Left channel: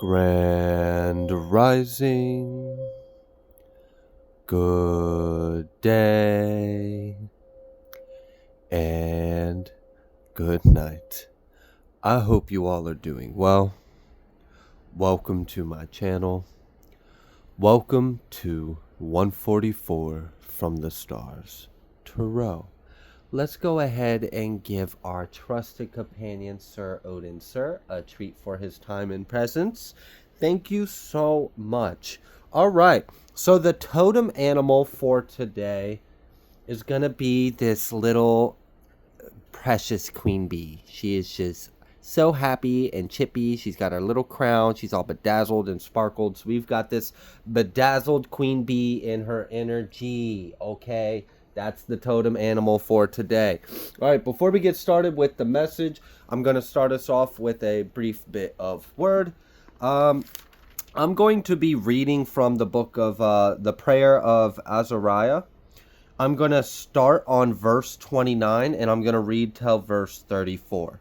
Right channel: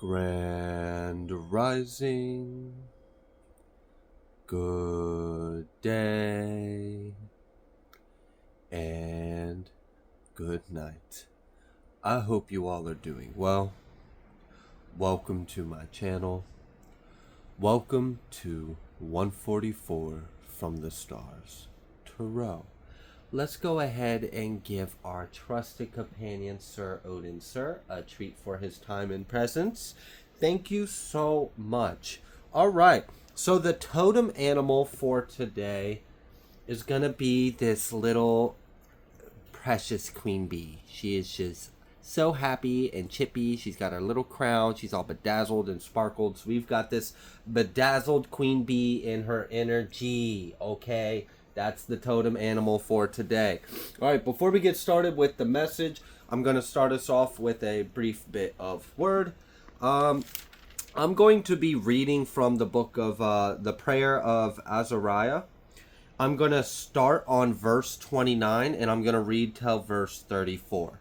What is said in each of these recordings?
Grand Rising, good day, and good night. I hope you all are doing well. Welcome to my channel. Welcome to 144 from the Stars, Tarot. Let's go ahead and give our trusted companion, Sir Odin, sir, a treat for his time and presence. Thank you so much. All right, so the totem animal for today is going to be this little precious queen bee. She is just so happy and chippy. She's got her little crown. She's all bedazzled and sparkled. So we've got this bedazzled queen bee in her energy, okay? That's the totem animal for today. All right, before we get started with the message, I'm going to start us off with a brief bit of word. I'm going to be reading from the book of the prayer of Azariah. I'm going to start on verse 29 and I'm going to read till verse 34.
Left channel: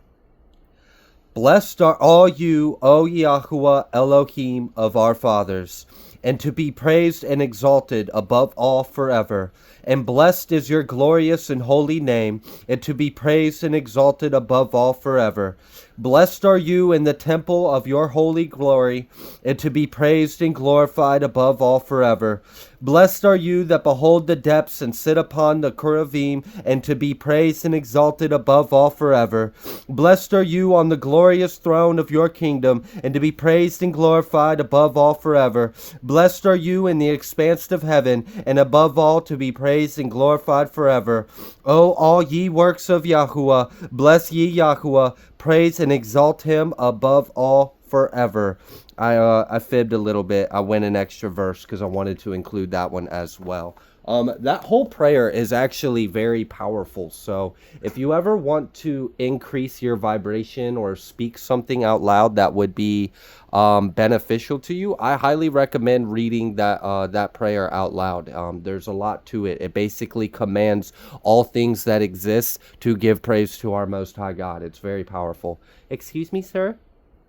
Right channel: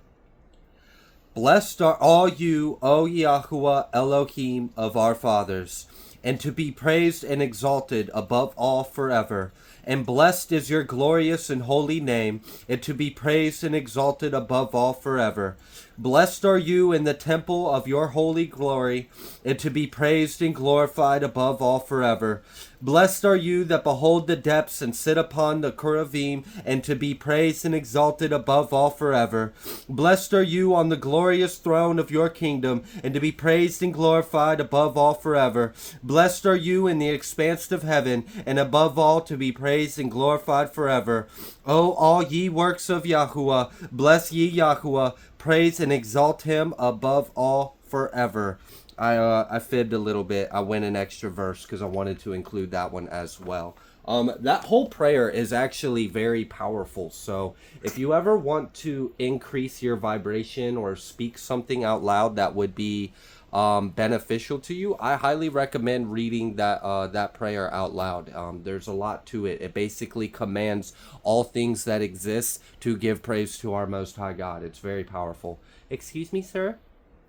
Blessed are all you, O Yahuwah Elohim of our fathers, and to be praised and exalted above all forever. And blessed is your glorious and holy name, and to be praised and exalted above all forever. Blessed are you in the temple of your holy glory, and to be praised and glorified above all forever. Blessed are you that behold the depths and sit upon the cherubim, and to be praised and exalted above all forever. Blessed are you on the glorious throne of your kingdom, and to be praised and glorified above all forever. Blessed are you in the expanse of heaven, and above all to be praised and glorified forever. O all ye works of Yahuwah, bless ye Yahuwah, praise and exalt him above all forever. I fibbed a little bit. I went an extra verse because I wanted to include that one as well. That whole prayer is actually very powerful. So if you ever want to increase your vibration or speak something out loud that would be beneficial to you, I highly recommend reading that prayer out loud. There's a lot to it. It basically commands all things that exist to give praise to our Most High God. It's very powerful. Excuse me, sir?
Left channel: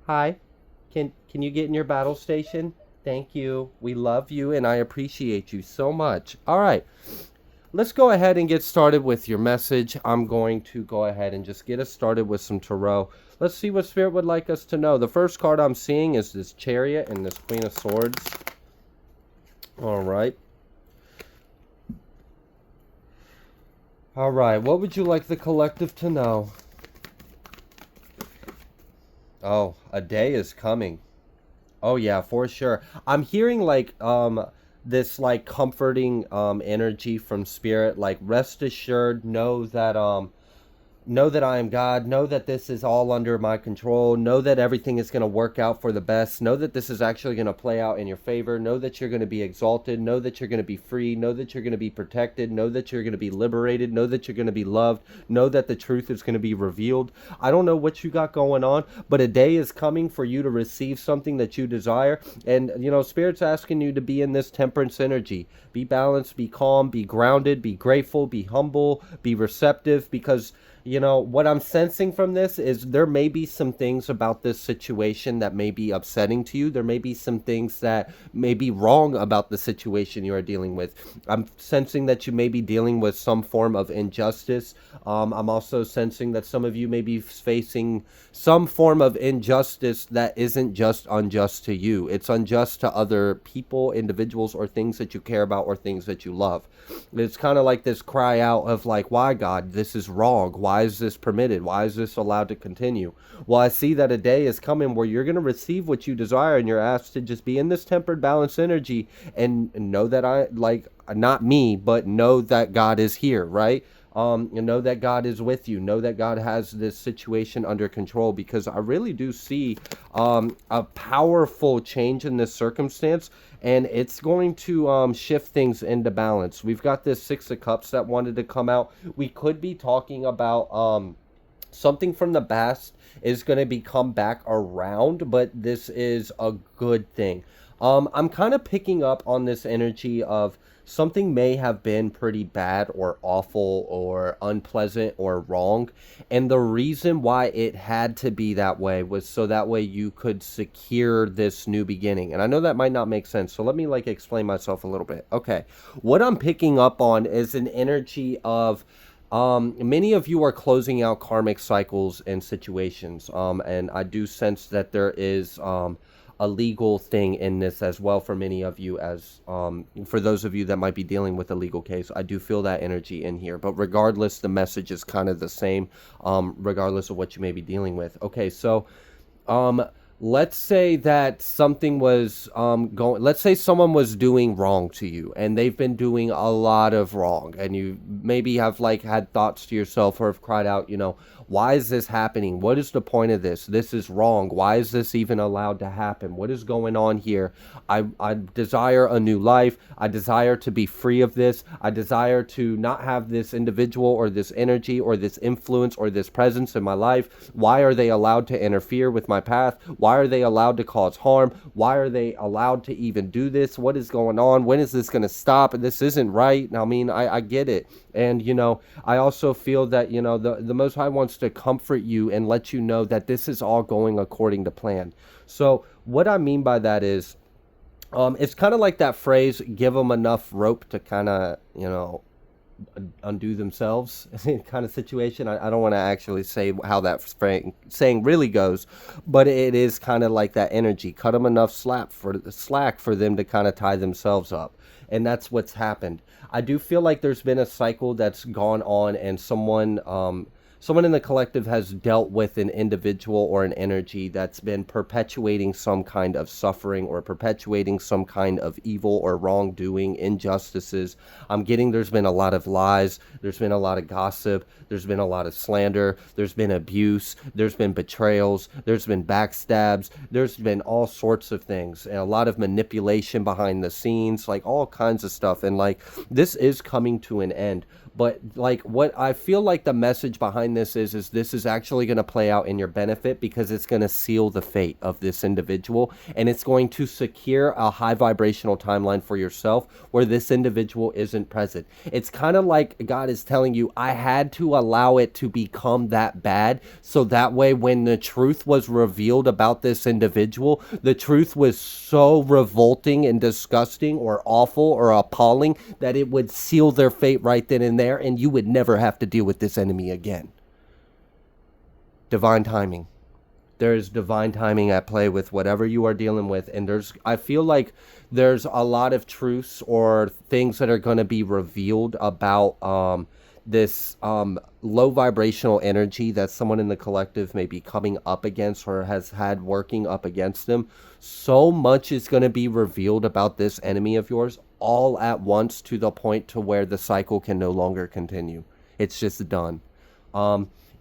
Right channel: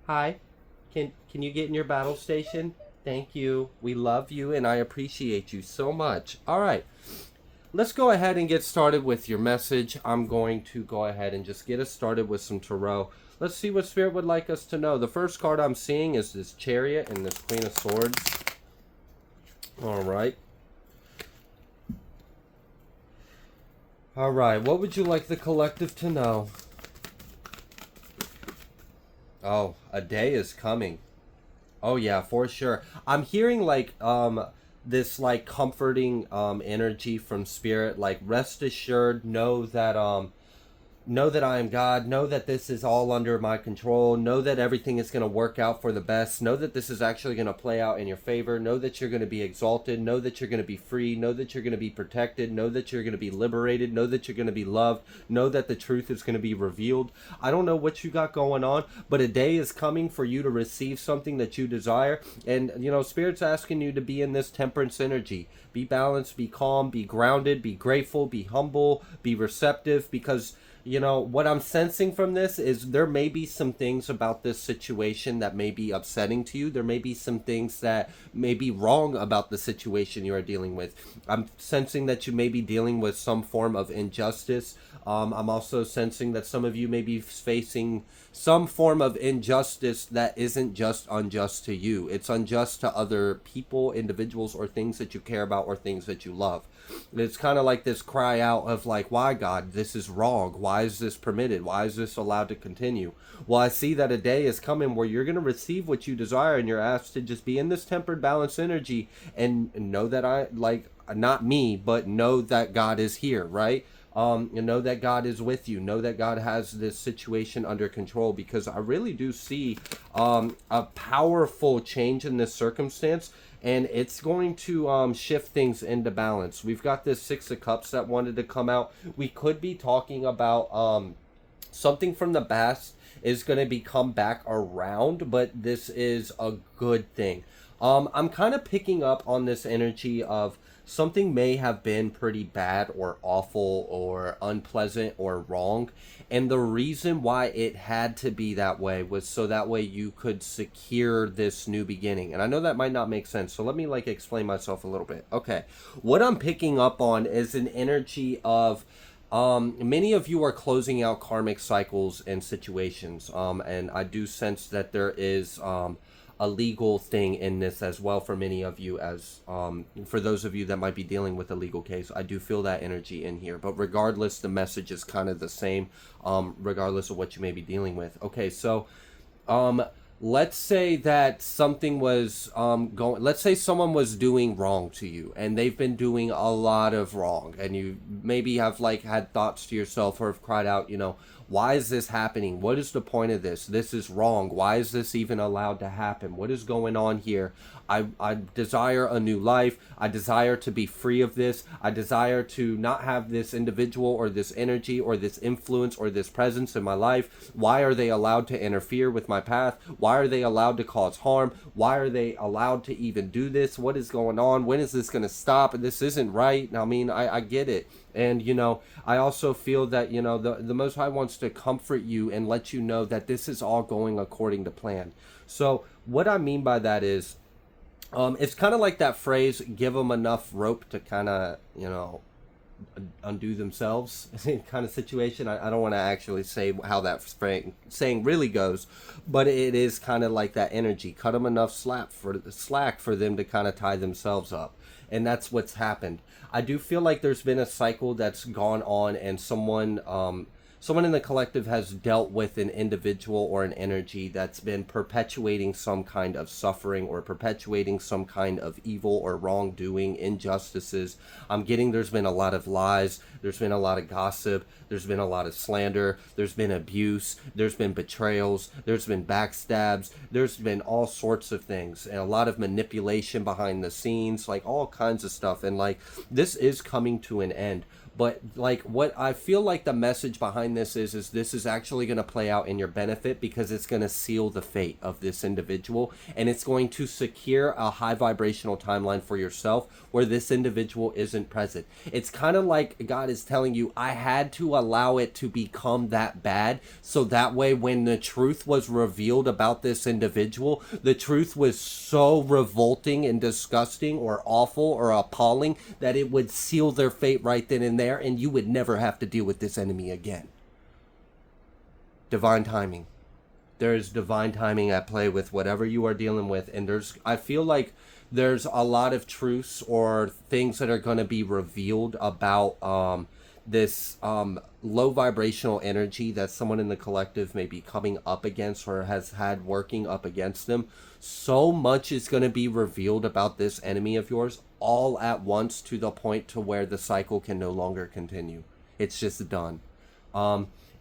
Hi. Can you get in your battle station? Thank you. We love you and I appreciate you so much. All right. Let's go ahead and get started with your message. I'm going to go ahead and just get us started with some tarot. Let's see what Spirit would like us to know. The first card I'm seeing is this Chariot and this Queen of Swords. All right. All right. What would you like the collective to know? Oh, a day is coming. Oh yeah, for sure. I'm hearing like this like comforting energy from Spirit, like rest assured, know that I am God, know that this is all under my control, know that everything is going to work out for the best, know that this is actually going to play out in your favor, know that you're going to be exalted, know that you're going to be free, know that you're going to be protected, know that you're going to be liberated, know that you're going to be loved, know that the truth is going to be revealed. I don't know what you got going on, but a day is coming for you to receive something that you desire. And, you know, Spirit's asking you to be in this temperance energy. Be balanced, be calm, be grounded, be grateful, be humble, be receptive, because you know, what I'm sensing from this is there may be some things about this situation that may be upsetting to you. There may be some things that may be wrong about the situation you are dealing with. I'm sensing that you may be dealing with some form of injustice. I'm also sensing that some of you may be facing some form of injustice that isn't just unjust to you. It's unjust to other people, individuals, or things that you care about or things that you love. It's kind of like this cry out of like, why God, this is wrong. Why is this permitted? Why is this allowed to continue? Well, I see that a day is coming where you're going to receive what you desire and you're asked to just be in this tempered, balanced energy and know that not me, but know that God is here, right? You know that God is with you. Know that God has this situation under control, because I really do see a powerful change in this circumstance, and it's going to shift things into balance. We've got this Six of Cups that wanted to come out. We could be talking about something from the past is going to be come back around, but this is a good thing. I'm kind of picking up on this energy of something may have been pretty bad or awful or unpleasant or wrong. And the reason why it had to be that way was so that way you could secure this new beginning. And I know that might not make sense. So let me like explain myself a little bit. Okay. What I'm picking up on is an energy of many of you are closing out karmic cycles and situations. And I do sense that there is a legal thing in this as well for many of you, as for those of you that might be dealing with a legal case. I do feel that energy in here, but regardless, the message is kind of the same, regardless of what you may be dealing with. Okay, so um let's say that something was going, let's say someone was doing wrong to you and they've been doing a lot of wrong, and you maybe have like had thoughts to yourself or have cried out, why is this happening? What is the point of this? This is wrong. Why is this even allowed to happen? What is going on here? I desire a new life. I desire to be free of this. I desire to not have this individual or this energy or this influence or this presence in my life. Why are they allowed to interfere with my path? Why are they allowed to cause harm? Why are they allowed to even do this? What is going on? When is this going to stop? This isn't right. I mean, I get it. And, I also feel that, the Most High wants to comfort you and let you know that this is all going according to plan. So what I mean by that is, it's kind of like that phrase, give them enough rope to kind of, undo themselves kind of situation. I don't want to actually say how that saying really goes, but it is kind of like that energy. Cut them enough slack for them to kind of tie themselves up. And that's what's happened. I do feel like there's been a cycle that's gone on, and someone in the collective has dealt with an individual or an energy that's been perpetuating some kind of suffering or perpetuating some kind of evil or wrongdoing, injustices. I'm getting there's been a lot of lies, there's been a lot of gossip, there's been a lot of slander, there's been abuse, there's been betrayals, there's been backstabs, there's been all sorts of things, and a lot of manipulation behind the scenes, like all kinds of stuff. And like, this is coming to an end. But like, what I feel like the message behind this is this is actually going to play out in your benefit, because it's going to seal the fate of this individual, and it's going to secure a high vibrational timeline for yourself where this individual isn't present. It's kind of like God is telling you, I had to allow it to become that bad, so that way when the truth was revealed about this individual, the truth was so revolting and disgusting or awful or appalling that it would seal their fate right then and there, and you would never have to deal with this enemy again. Divine timing. There's divine timing at play with whatever you are dealing with, and I feel like there's a lot of truths or things that are going to be revealed about this low vibrational energy that someone in the collective may be coming up against or has had working up against them. So much is going to be revealed about this enemy of yours all at once, to the point to where the cycle can no longer continue. It's just done.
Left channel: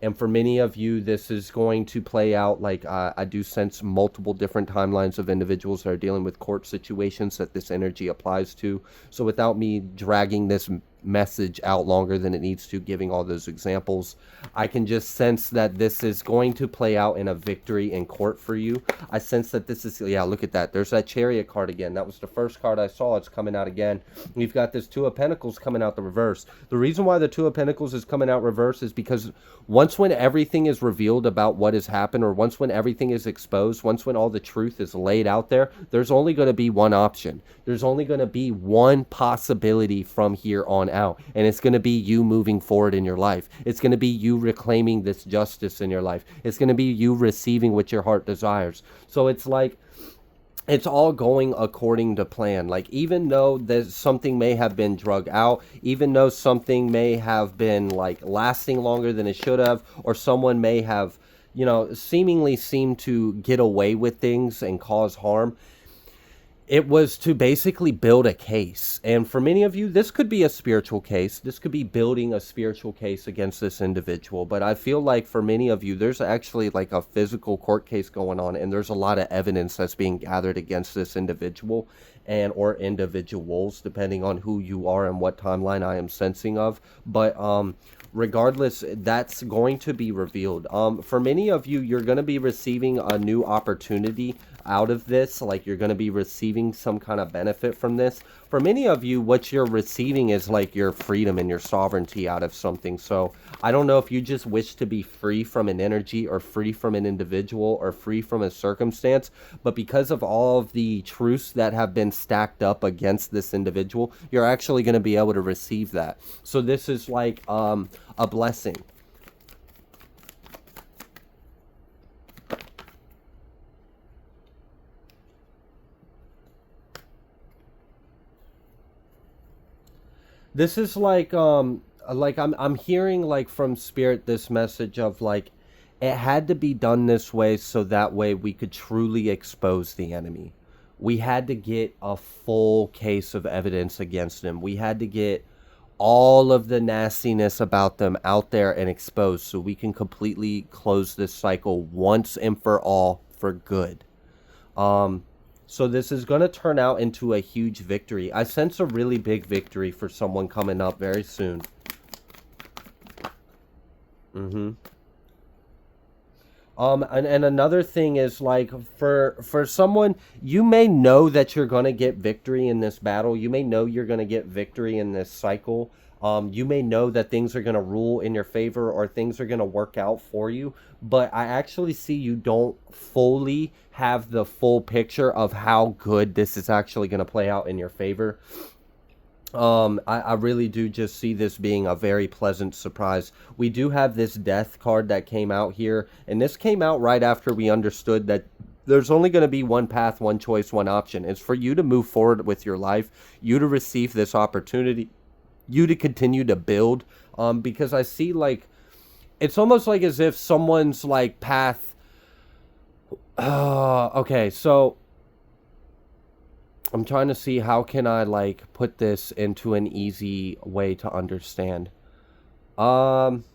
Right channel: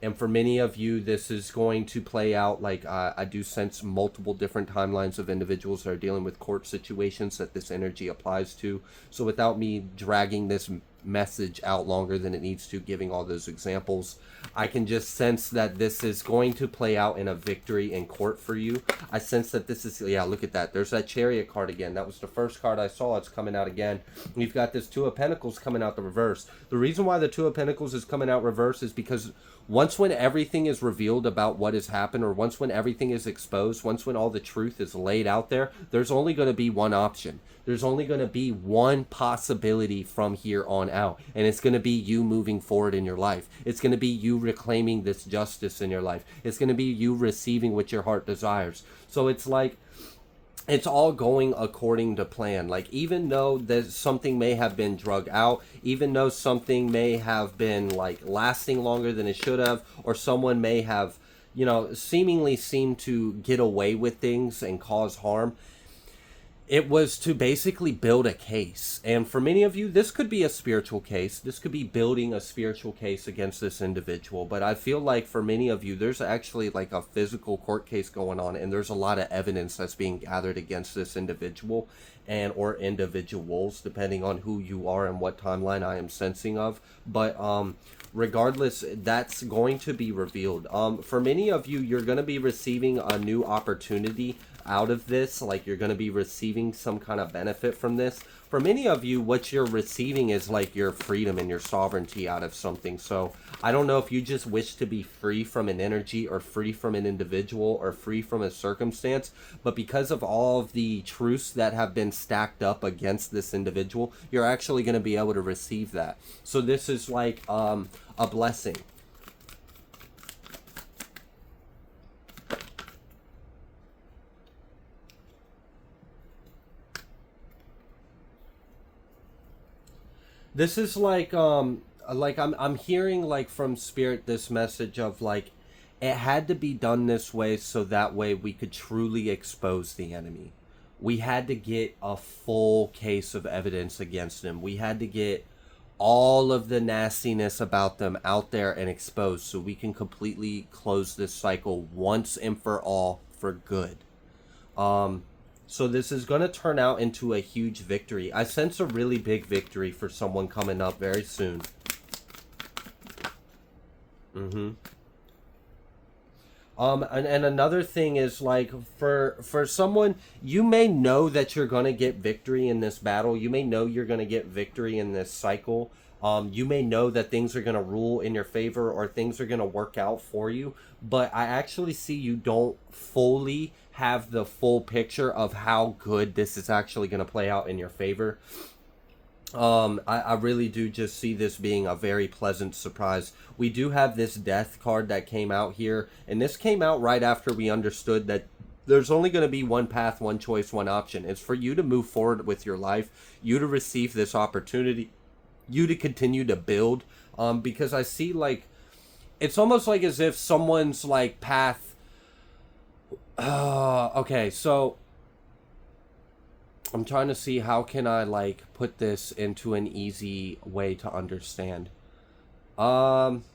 And for many of you, this is going to play out like, I do sense multiple different timelines of individuals that are dealing with court situations that this energy applies to. So without me dragging this message out longer than it needs to, giving all those examples, I can just sense that this is going to play out in a victory in court for you. I sense that this is, yeah, look at that. There's that Chariot card again. That was the first card I saw. It's coming out again. We've got this Two of Pentacles coming out the reverse. The reason why the Two of Pentacles is coming out reverse is because once when everything is revealed about what has happened, or once when everything is exposed, once when all the truth is laid out there, there's only going to be one option. There's only going to be one possibility from here on out, and it's going to be you moving forward in your life. It's going to be you reclaiming this justice in your life. It's going to be you receiving what your heart desires. So it's like, it's all going according to plan. Like, even though there's something may have been drug out, even though something may have been like lasting longer than it should have, or someone may have, seemingly seemed to get away with things and cause harm, it was to basically build a case. And for many of you, this could be a spiritual case. This could be building a spiritual case against this individual. But I feel like for many of you, there's actually like a physical court case going on, and there's a lot of evidence that's being gathered against this individual and or individuals, depending on who you are and what timeline I am sensing of. But regardless, that's going to be revealed. For many of you, you're going to be receiving a new opportunity out of this. Like, you're going to be receiving some kind of benefit from this. for many of you, what you're receiving is like your freedom and your sovereignty out of something. So I don't know if you just wish to be free from an energy or free from an individual or free from a circumstance, but because of all of the truths that have been stacked up against this individual, you're actually going to be able to receive that. So this is like a blessing. This is like I'm hearing like from spirit this message of like it had to be done this way so that way we could truly expose the enemy. We had to get a full case of evidence against them. We had to get all of the nastiness about them out there and exposed so we can completely close this cycle once and for all for good. Um, so this is going to turn out into a huge victory. I sense a really big victory for someone coming up very soon. Mm-hmm. And another thing is like for someone, you may know that you're gonna get victory in this battle. You may know you're gonna get victory in this cycle. You may know that things are gonna rule in your favor or things are gonna work out for you. But I actually see you don't fully have the full picture of how good this is actually gonna play out in your favor. I really do just see this being a very pleasant surprise. We do have this death card that came out here, and this came out right after we understood that there's only going to be one path, one choice, one option. It's for you to move forward with your life, you to receive this opportunity, you to continue to build. Because I see like it's almost like as if someone's like path. Okay, so I'm trying to see how can I like put this into an easy way to understand. Um,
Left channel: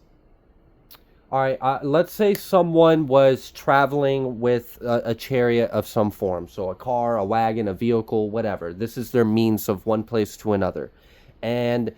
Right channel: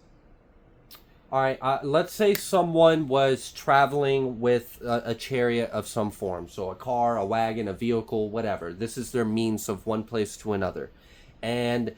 all right, let's say someone was traveling with a chariot of some form, so a car, a wagon, a vehicle, whatever. This is their means of one place to another, and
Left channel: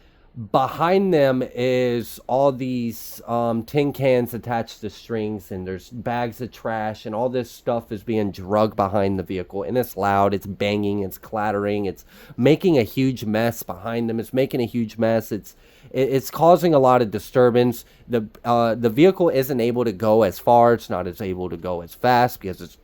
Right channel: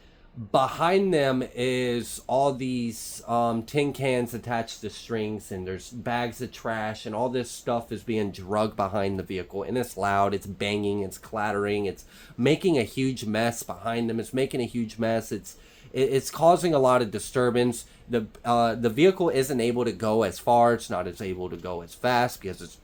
behind them is all these tin cans attached to strings, and there's bags of trash, and all this stuff is being dragged behind the vehicle, and it's loud, it's banging, it's clattering, it's making a huge mess behind them, it's making a huge mess, it's causing a lot of disturbance. The vehicle isn't able to go as far, it's not as able to go as fast because it's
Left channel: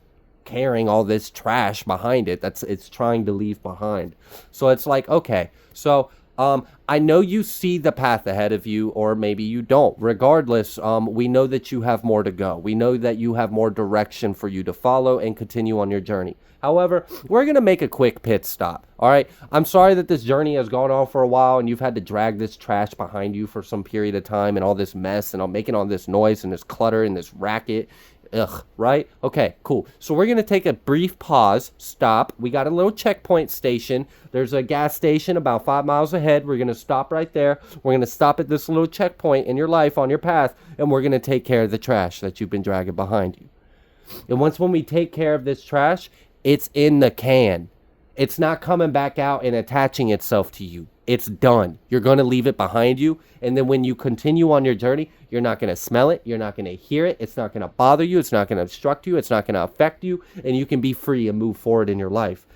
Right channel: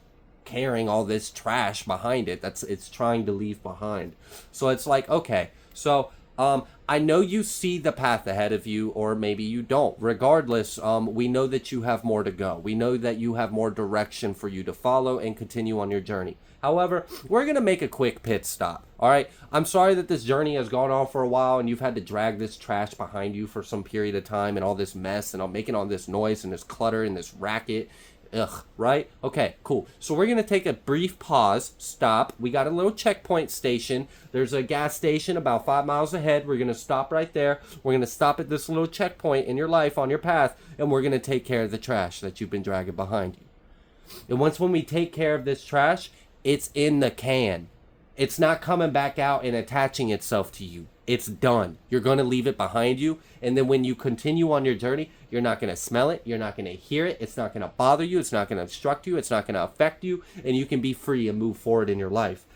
carrying all this trash behind it that's it's trying to leave behind. So it's like, okay, so I know you see the path ahead of you, or maybe you don't. Regardless, we know that you have more to go. We know that you have more direction for you to follow and continue on your journey. However, we're going to make a quick pit stop. All right. I'm sorry that this journey has gone on for a while and you've had to drag this trash behind you for some period of time and all this mess and I'm making all this noise and this clutter and this racket. Ugh, right? Okay, cool. So we're going to take a brief pause, stop. We got a little checkpoint station. There's a gas station about 5 miles ahead. We're going to stop right there. We're going to stop at this little checkpoint in your life on your path, and we're going to take care of the trash that you've been dragging behind you. And once when we take care of this trash, it's in the can. It's not coming back out and attaching itself to you. It's done. You're going to leave it behind you. And then when you continue on your journey, you're not going to smell it. You're not going to hear it. It's not going to bother you. It's not going to obstruct you. It's not going to affect you. And you can be free and move forward in your life.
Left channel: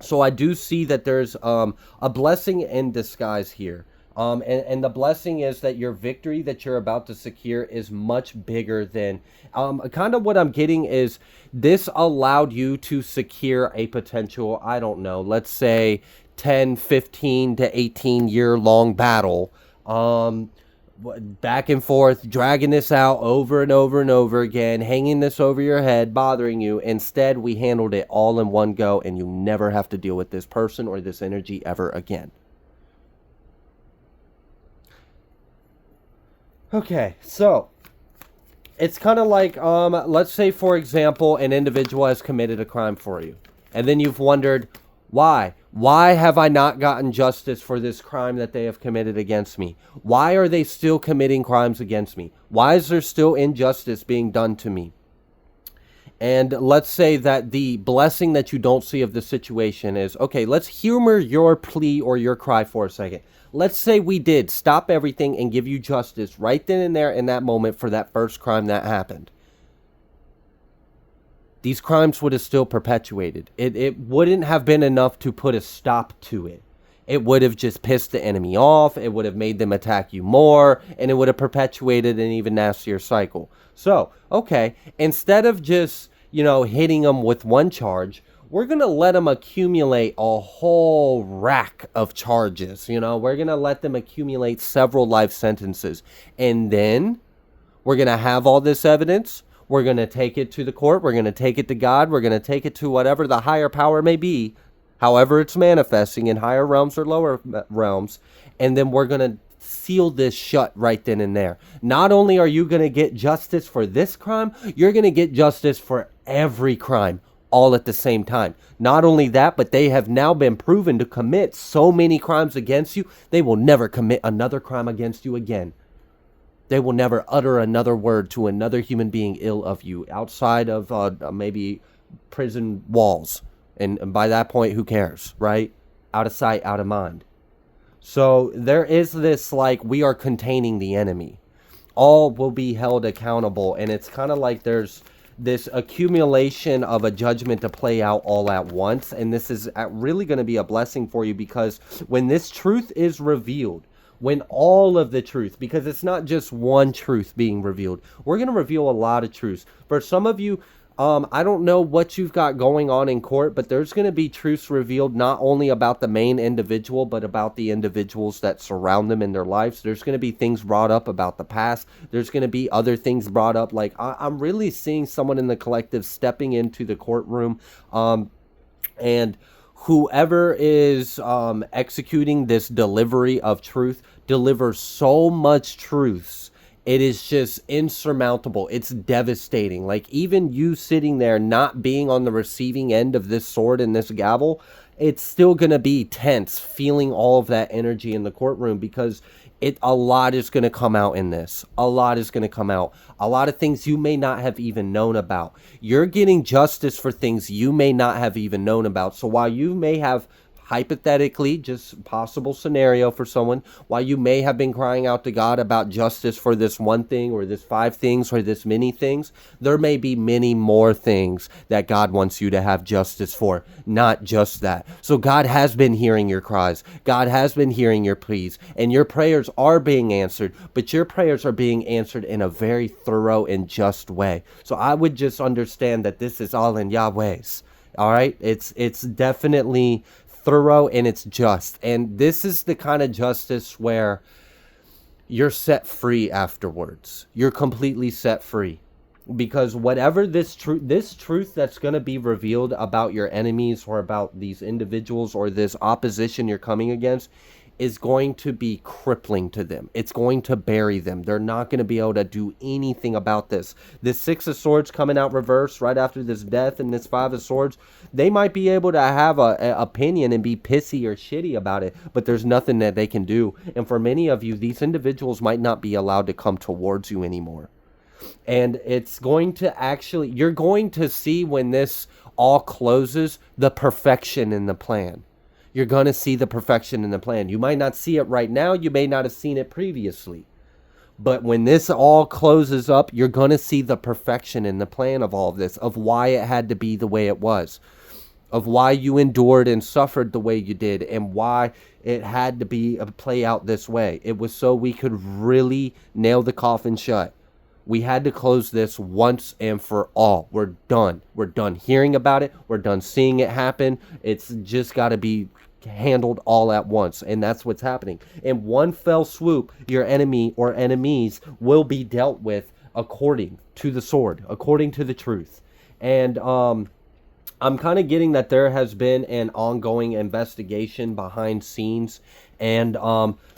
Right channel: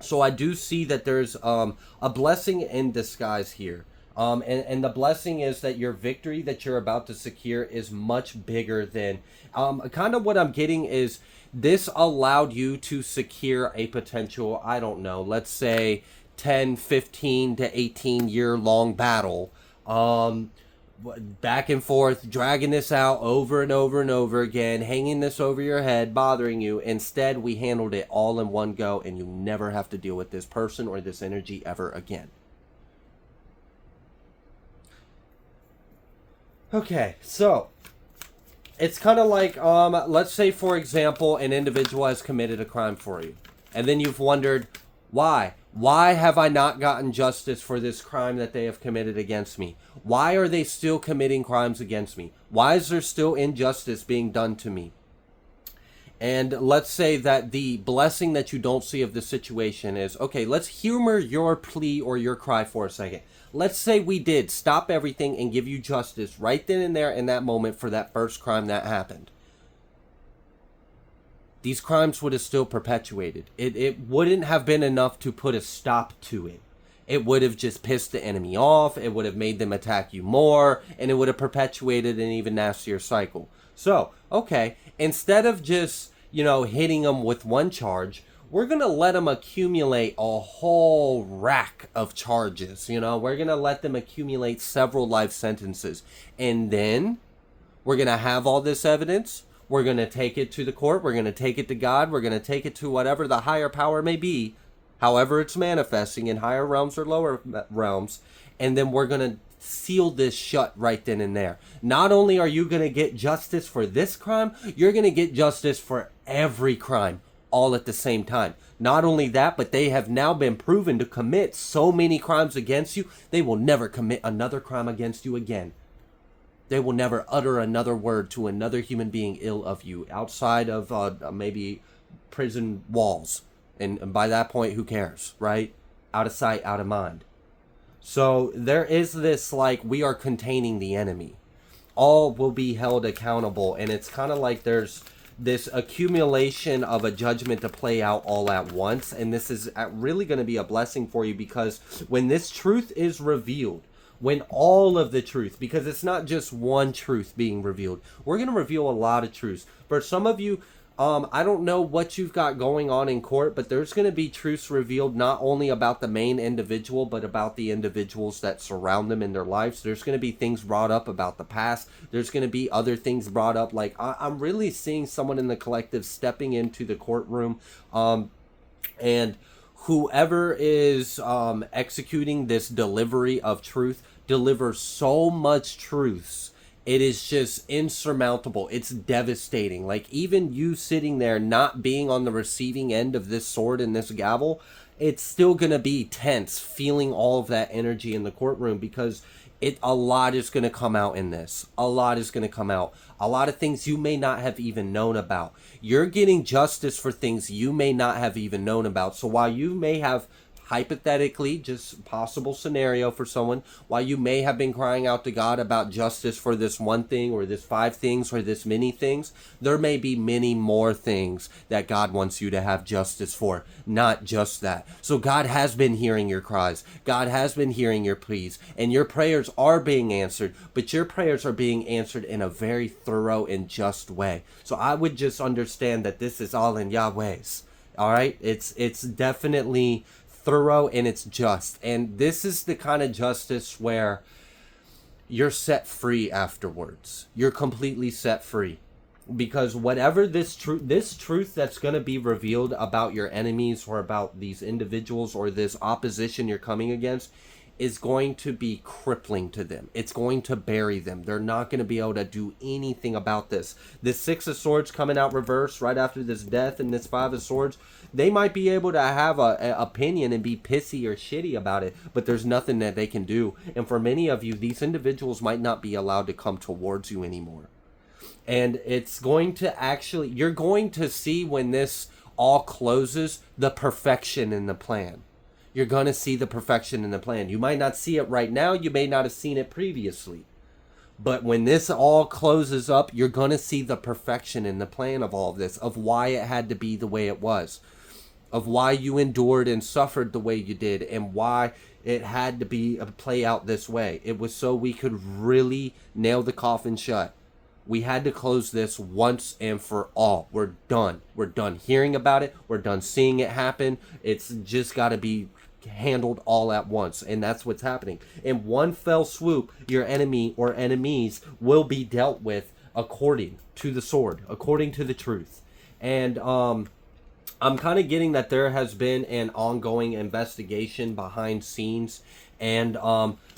So I do see that there's a blessing in disguise here. And the blessing is that your victory that you're about to secure is much bigger than kind of what I'm getting is this allowed you to secure a potential, I don't know, let's say 10, 15 to 18 year long battle. Back and forth, dragging this out over and over and over again, hanging this over your head, bothering you. Instead, we handled it all in one go, and you never have to deal with this person or this energy ever again. Okay, so it's kind of like, let's say, for example, an individual has committed a crime for you. And then you've wondered, why? Why have I not gotten justice for this crime that they have committed against me? Why are they still committing crimes against me? Why is there still injustice being done to me? And let's say that the blessing that you don't see of the situation is, okay, let's humor your plea or your cry for a second. Let's say we did stop everything and give you justice right then and there in that moment for that first crime that happened. These crimes would have still perpetuated. It wouldn't have been enough to put a stop to it. It would have just pissed the enemy off. It would have made them attack you more, and it would have perpetuated an even nastier cycle. So, okay, instead of just, hitting them with one charge, we're going to let them accumulate a whole rack of charges. We're going to let them accumulate several life sentences. And then we're going to have all this evidence. We're going to take it to the court. We're going to take it to God. We're going to take it to whatever the higher power may be, however it's manifesting in higher realms or lower realms. And then we're going to seal this shut right then and there. Not only are you going to get justice for this crime, you're going to get justice for every crime all at the same time. Not only that, but they have now been proven to commit so many crimes against you, they will never commit another crime against you again. They will never utter another word to another human being ill of you outside of maybe prison walls. And by that point, who cares, right? Out of sight, out of mind. So there is this, we are containing the enemy. All will be held accountable. And it's kind of like there's this accumulation of a judgment to play out all at once. And this is really going to be a blessing for you, because when this truth is revealed, when all of the truth, because it's not just one truth being revealed, we're going to reveal a lot of truths. For some of you, I don't know what you've got going on in court, but there's going to be truths revealed not only about the main individual, but about the individuals that surround them in their lives. There's going to be things brought up about the past. There's going to be other things brought up. I'm really seeing someone in the collective stepping into the courtroom, and whoever is executing this delivery of truth delivers so much truths. It is just insurmountable. It's devastating. Even you sitting there not being on the receiving end of this sword and this gavel, it's still going to be tense, feeling all of that energy in the courtroom, because a lot is going to come out in this. A lot is going to come out. A lot of things you may not have even known about. You're getting justice for things you may not have even known about. So while you may have, hypothetically, just possible scenario for someone, while you may have been crying out to God about justice for this one thing or this 5 things or this many things, there may be many more things that God wants you to have justice for, not just that. So God has been hearing your cries. God has been hearing your pleas, and your prayers are being answered, but your prayers are being answered in a very thorough and just way. So I would just understand that this is all in Yahweh's. All right? It's definitely thorough, and it's just. And this is the kind of justice where you're set free afterwards. You're completely set free, because whatever this truth that's going to be revealed about your enemies or about these individuals or this opposition you're coming against is going to be crippling to them. It's going to bury them. They're not going to be able to do anything about this. This 6 of Swords coming out reverse right after this death, and this 5 of Swords, they might be able to have a opinion and be pissy or shitty about it, but there's nothing that they can do. And for many of you, these individuals might not be allowed to come towards you anymore. And it's going to actually, you're going to see when this all closes, the perfection in the plan. You're going to see the perfection in the plan. You might not see it right now. You may not have seen it previously. But when this all closes up, you're going to see the perfection in the plan of all of this, of why it had to be the way it was, of why you endured and suffered the way you did, and why it had to be play out this way. It was so we could really nail the coffin shut. We had to close this once and for all. We're done. We're done hearing about it. We're done seeing it happen. It's just got to be handled all at once, and that's what's happening. In one fell swoop, your enemy or enemies will be dealt with according to the sword, according to the truth. And I'm kind of getting that there has been an ongoing investigation behind scenes, and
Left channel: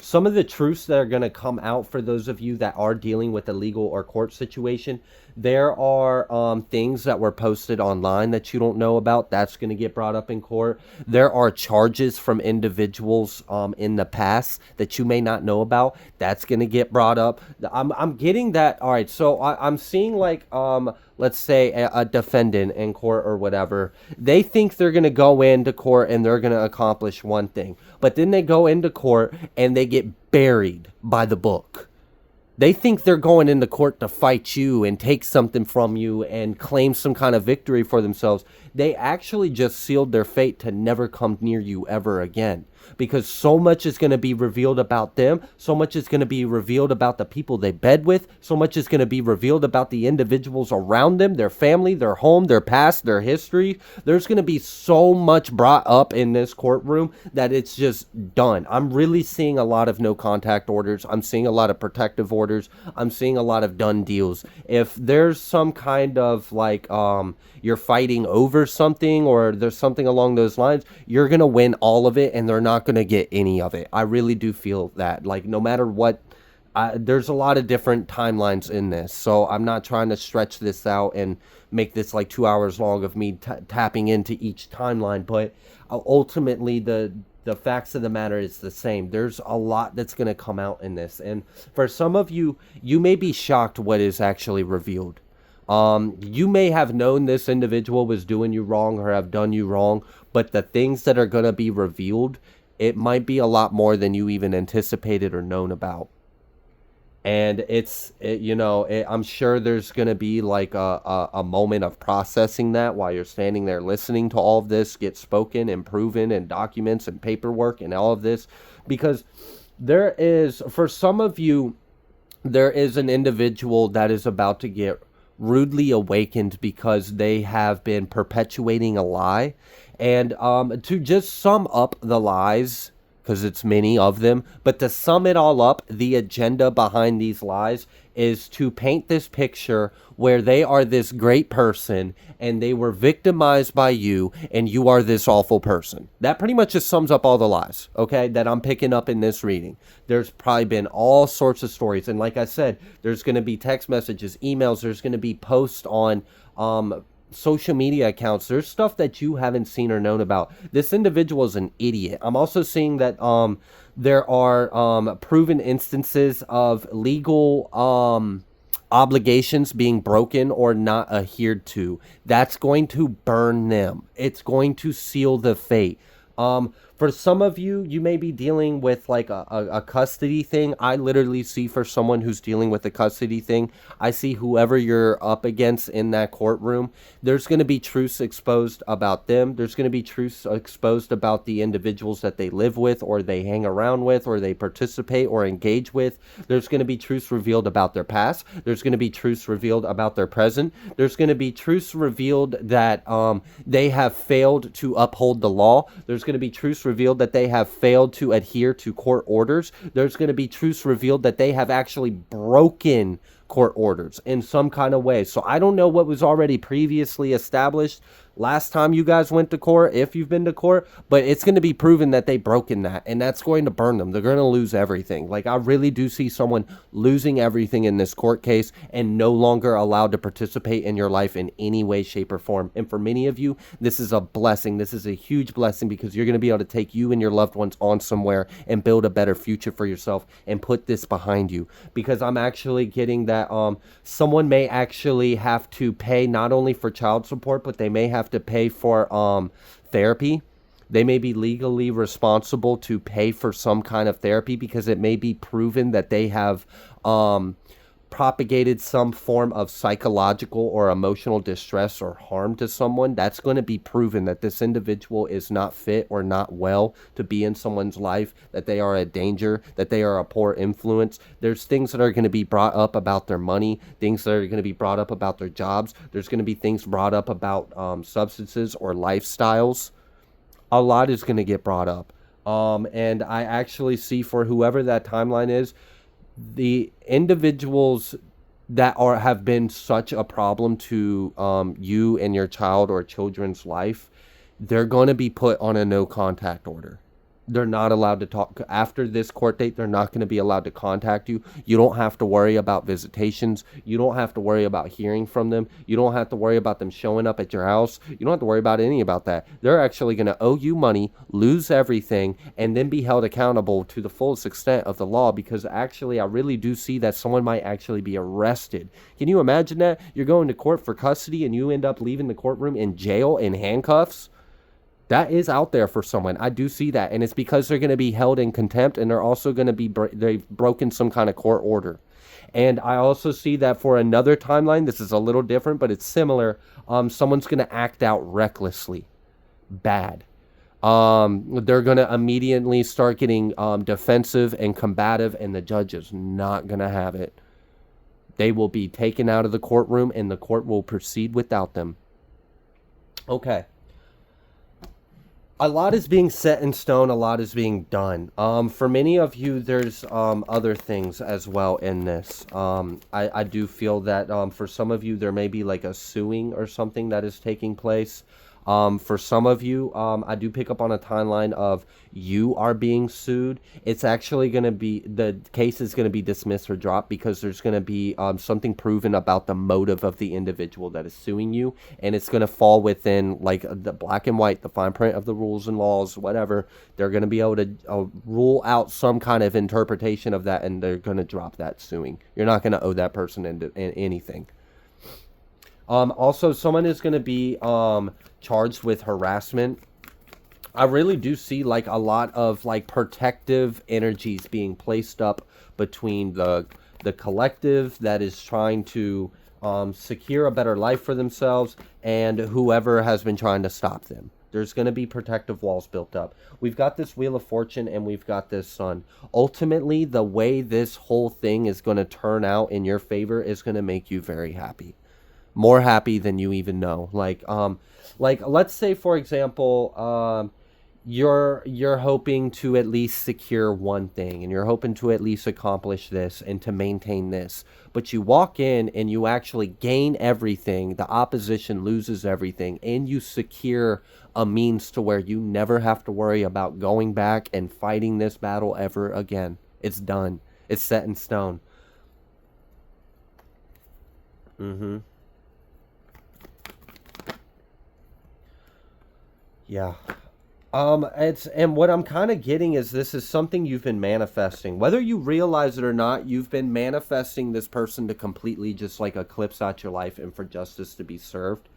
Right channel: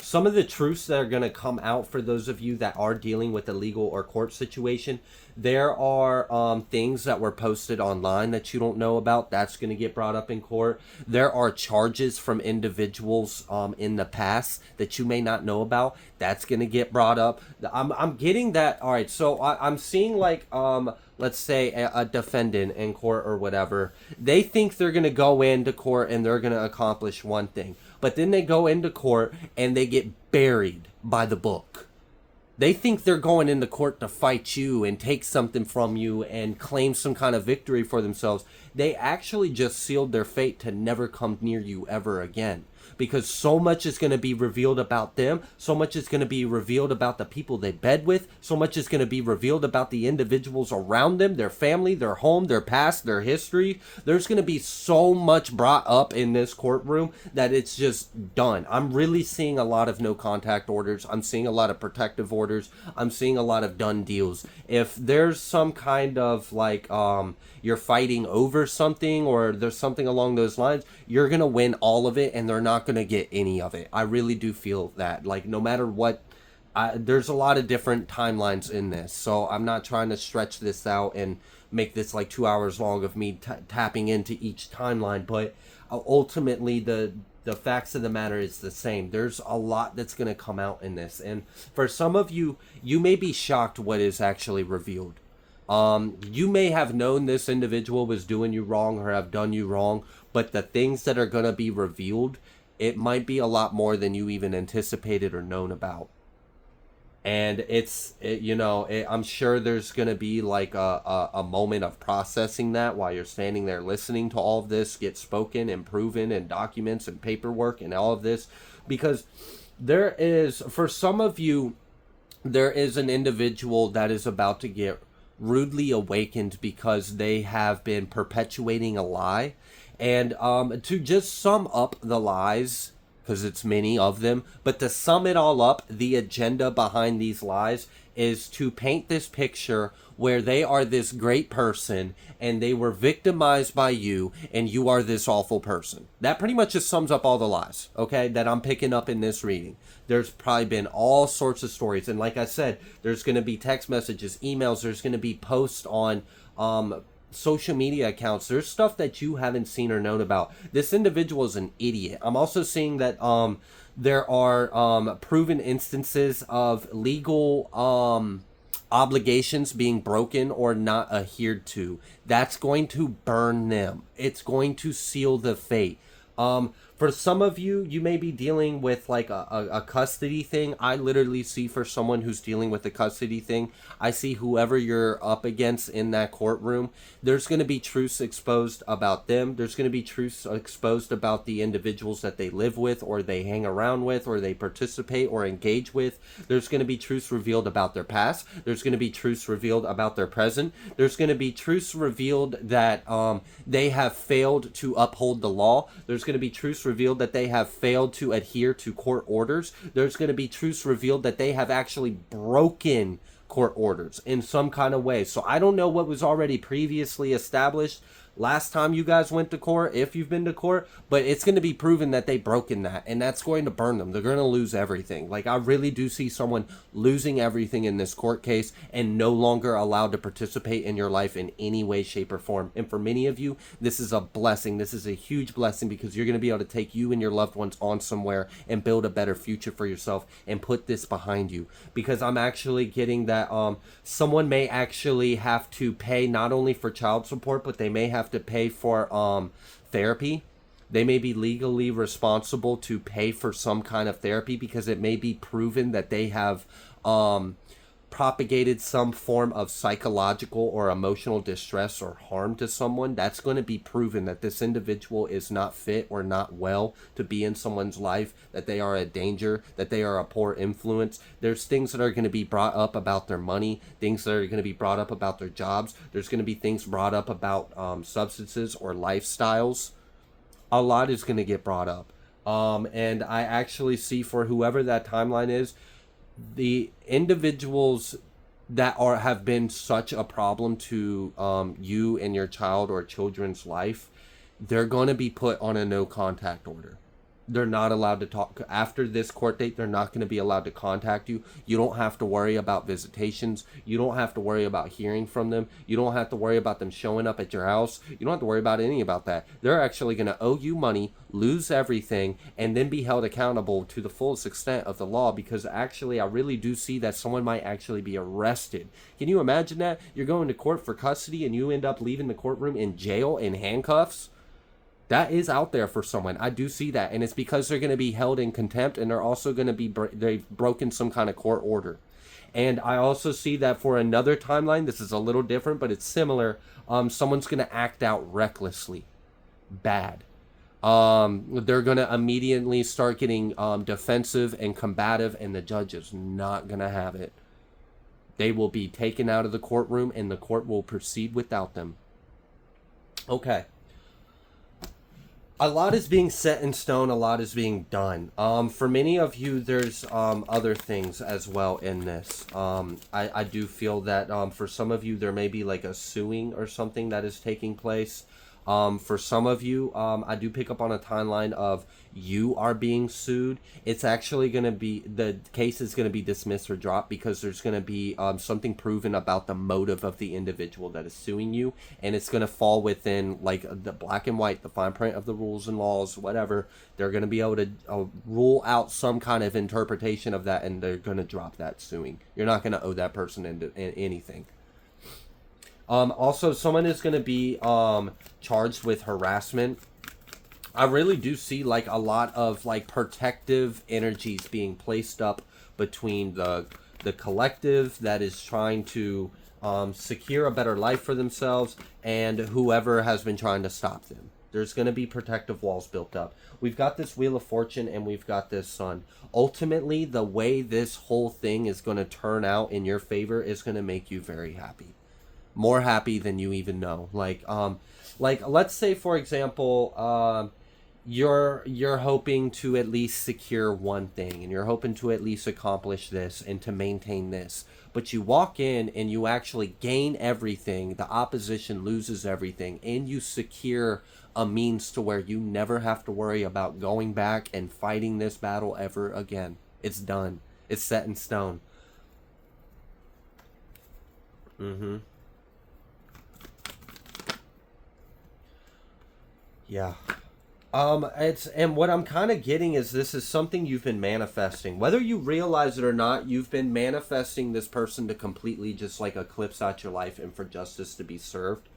some of the truths that are going to come out for those of you that are dealing with a legal or court situation. There are things that were posted online that you don't know about. That's going to get brought up in court. There are charges from individuals in the past that you may not know about. That's going to get brought up. I'm getting that. All right, so I'm seeing let's say a defendant in court or whatever. They think they're going to go into court and they're going to accomplish one thing. But then they go into court and they get buried by the book. They think they're going into court to fight you and take something from you and claim some kind of victory for themselves. They actually just sealed their fate to never come near you ever again. because so much is going to be revealed about them. So much is going to be revealed about the people they bed with. So much is going to be revealed about the individuals around them, their family, their home, their past, their history. There's going to be so much brought up in this courtroom that it's just done. I'm really seeing a lot of no contact orders. I'm seeing a lot of protective orders. I'm seeing a lot of done deals. If there's some kind of like you're fighting over something or there's something along those lines, you're going to win all of it and they're not going to get any of it. I really do feel that. Like, no matter what, there's a lot of different timelines in this. So I'm not trying to stretch this out and make this like 2 hours long of me tapping into each timeline. But ultimately, the facts of the matter is the same. There's a lot that's going to come out in this. And for some of you, you may be shocked what is actually revealed. You may have known this individual was doing you wrong or have done you wrong, but the things that are going to be revealed, it might be a lot more than you even anticipated or known about. And I'm sure there's going to be like a moment of processing that while you're standing there listening to all of this get spoken and proven and documents and paperwork and all of this, because there is, for some of you, there is an individual that is about to get rudely awakened because they have been perpetuating a lie. And to just sum up the lies, because it's many of them, but to sum it all up, the agenda behind these lies is to paint this picture where they are this great person and they were victimized by you and you are this awful person. That pretty much just sums up all the lies, okay, that I'm picking up in this reading. There's probably been all sorts of stories. And like I said, there's going to be text messages, emails, there's going to be posts on social media accounts. There's stuff that you haven't seen or known about. This individual is an idiot. I'm also seeing that there are proven instances of legal obligations being broken or not adhered to. That's going to burn them. It's going to seal the fate. For some of you, you may be dealing with like a custody thing. I literally see, for someone who's dealing with a custody thing, I see whoever you're up against in that courtroom, there's going to be truths exposed about them. There's going to be truths exposed about the individuals that they live with or they hang around with or they participate or engage with. There's going to be truths revealed about their past. There's going to be truths revealed about their present. There's going to be truths revealed that they have failed to uphold the law. There's going to be truths revealed that they have failed to adhere to court orders. There's going to be truths revealed that they have actually broken court orders in some kind of way. So I don't know what was already previously established last time you guys went to court, if you've been to court, but it's going to be proven that they broken that, and that's going to burn them. They're going to lose everything. Like, I really do see someone losing everything in this court case and no longer allowed to participate in your life in any way, shape, or form. And for many of you, this is a blessing. This is a huge blessing, because you're going to be able to take you and your loved ones on somewhere and build a better future for yourself and put this behind you. Because I'm actually getting that someone may actually have to pay not only for child support, but they may have to pay for therapy. They may be legally responsible to pay for some kind of therapy because it may be proven that they have propagated some form of psychological or emotional distress or harm to someone. That's going to be proven that this individual is not fit or not well to be in someone's life, that they are a danger, that they are a poor influence. There's things that are going to be brought up about their money, things that are going to be brought up about their jobs. There's going to be things brought up about substances or lifestyles. A lot is going to get brought up. And I actually see, for whoever that timeline is, the individuals that have been such a problem to you and your child or children's life, they're going to be put on a no contact order. They're not allowed to talk after this court date. They're not going to be allowed to contact you. You don't have to worry about visitations. You don't have to worry about hearing from them. You don't have to worry about them showing up at your house. You don't have to worry about any about that. They're actually going to owe you money, lose everything, and then be held accountable to the fullest extent of the law, because actually I really do see that someone might actually be arrested. Can you imagine that? You're going to court for custody and you end up leaving the courtroom in jail in handcuffs? That is out there for someone. I do see that. And it's because they're going to be held in contempt, and they're also going to be, they've broken some kind of court order. And I also see that for another timeline, this is a little different, but it's similar. Someone's going to act out recklessly. Bad. They're going to immediately start getting defensive and combative, and the judge is not going to have it. They will be taken out of the courtroom, and the court will proceed without them. Okay. A lot is being set in stone. A lot is being done. For many of you, there's other things as well in this. I do feel that for some of you, there may be like a suing or something that is taking place. For some of you, I do pick up on a timeline of you are being sued. It's actually going to be, the case is going to be dismissed or dropped because there's going to be something proven about the motive of the individual that is suing you. And it's going to fall within like the black and white, the fine print of the rules and laws, whatever. They're going to be able to rule out some kind of interpretation of that, and they're going to drop that suing. You're not going to owe that person anything. Also, someone is going to be charged with harassment. I really do see like a lot of like protective energies being placed up between the collective that is trying to secure a better life for themselves and whoever has been trying to stop them. There's going to be protective walls built up. We've got this Wheel of Fortune and we've got this Sun. Ultimately, the way this whole thing is going to turn out in your favor is going to make you very happy. More happy than you even know. Like let's say for example, you're hoping to at least secure one thing, and you're hoping to at least accomplish this and to maintain this. But you walk in and you actually gain everything. The opposition loses everything, and you secure a means to where you never have to worry about going back and fighting this battle ever again. It's done. It's set in stone. Mm-hmm. Yeah. It's, and what I'm kind of getting is this is something you've been manifesting. Whether you realize it or not, you've been manifesting this person to completely just like eclipse out your life and for justice to be served.